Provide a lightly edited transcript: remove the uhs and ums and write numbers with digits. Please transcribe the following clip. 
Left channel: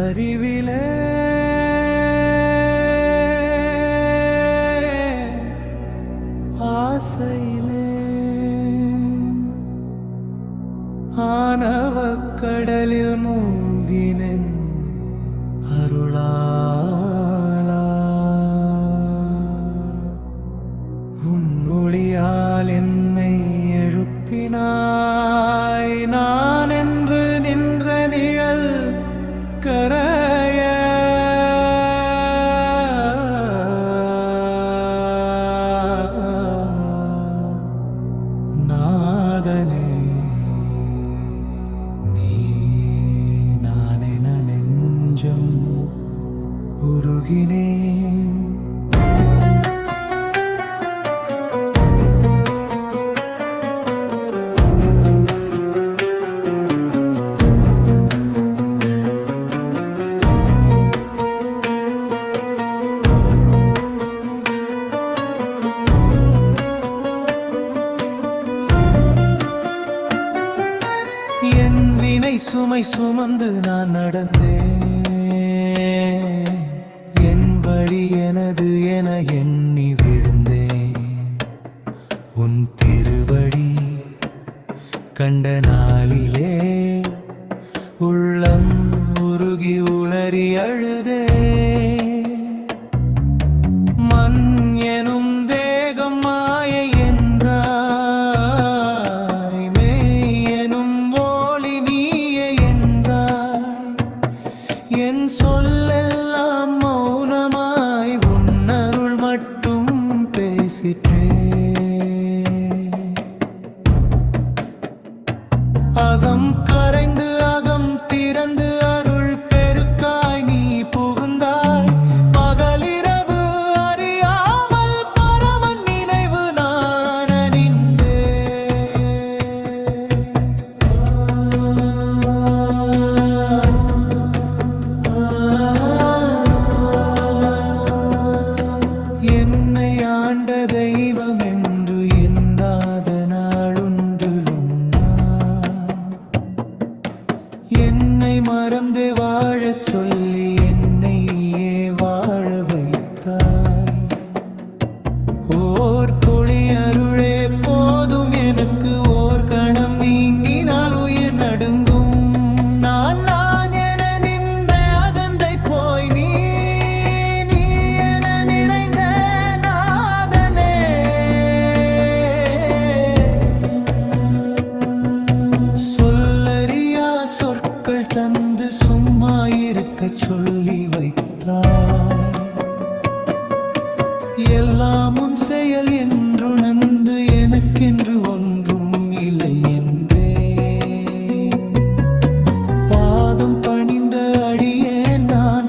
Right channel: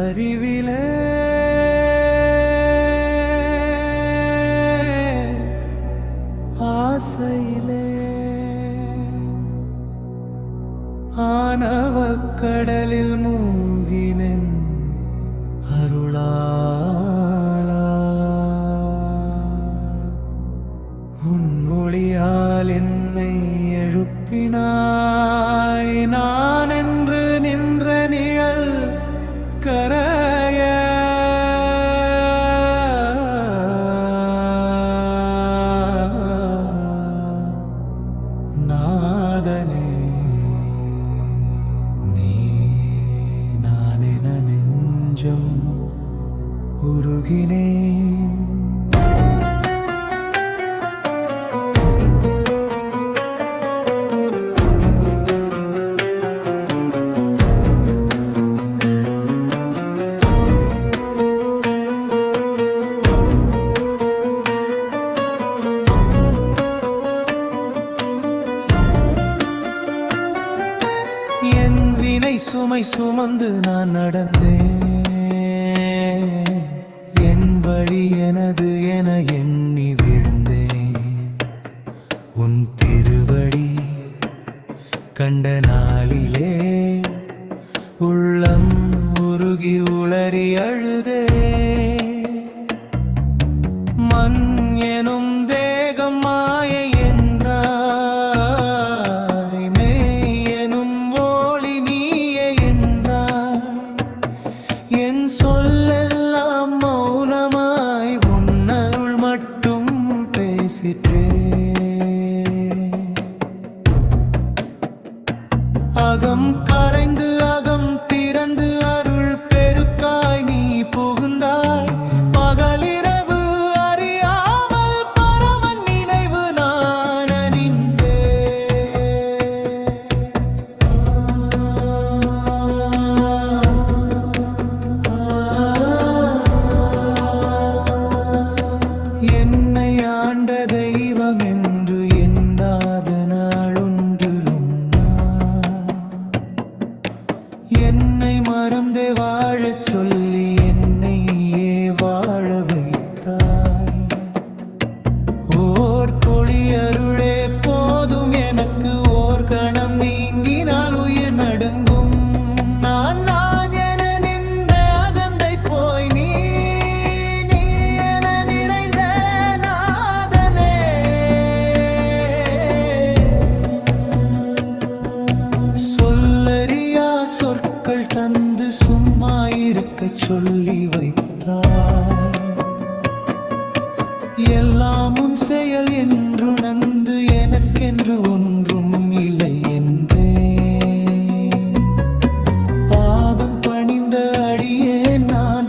அறிவிலே ஆசையிலே ஆனவக் கடலில் மூழ்கினேன் அருளாளா உன் ஒளியால் என்னை எழுப்பினாய் நான் என்று நின்ற நிழல் கரைய நாதனே நீ நானென நெஞ்சம் உருகினேன் என் வினை சுமை சுமந்து நான் நடந்தேன் என் வழி எனது என எண்ணி விழுந்தேன் உன் திருவடி கண்ட நாளிலே உள்ளம் உருகி உளறி அழுதே மண் எனும் தேகம் மாயை என்றாய் மெய் எனும் ஒளி நீயே என்றாய் என் சொல்லெல்லாம் மௌனமாய் உன் அருள் மட்டும் பேசிற்றே அகம் கரைந்து அகம் திறந்து அருள் பெருக்காய் நீ புகுந்தாய் பகலிரவு அறியாமல் பரமன் நினைவு நான் அணிந்தே என்னை ஆண்ட தெய்வம் என்று எண்ணாத நாளொன்றிலும் என்னை மறந்தே வாழச் சொல்லி என்னையே வாழ வைத்தாய் ஓர் பொழி அருளே போதும் எனக்கு ஓர் கணம் நீங்கினால் உயிர் நடுங்கும் நான் நான் என நின்ற அகந்தை போய் நீ என நிறைந்த நாதனே சொல்லறியா சொற்கள் தந்து சும்மா இருக்க சொல்லி வைத்தாய் எல்லாம் உன் செயல் என்றுணர்ந்து எனக்கென்று ஒன்றும் இல்லை என்றே பாதம் பணிந்த அடியே நான்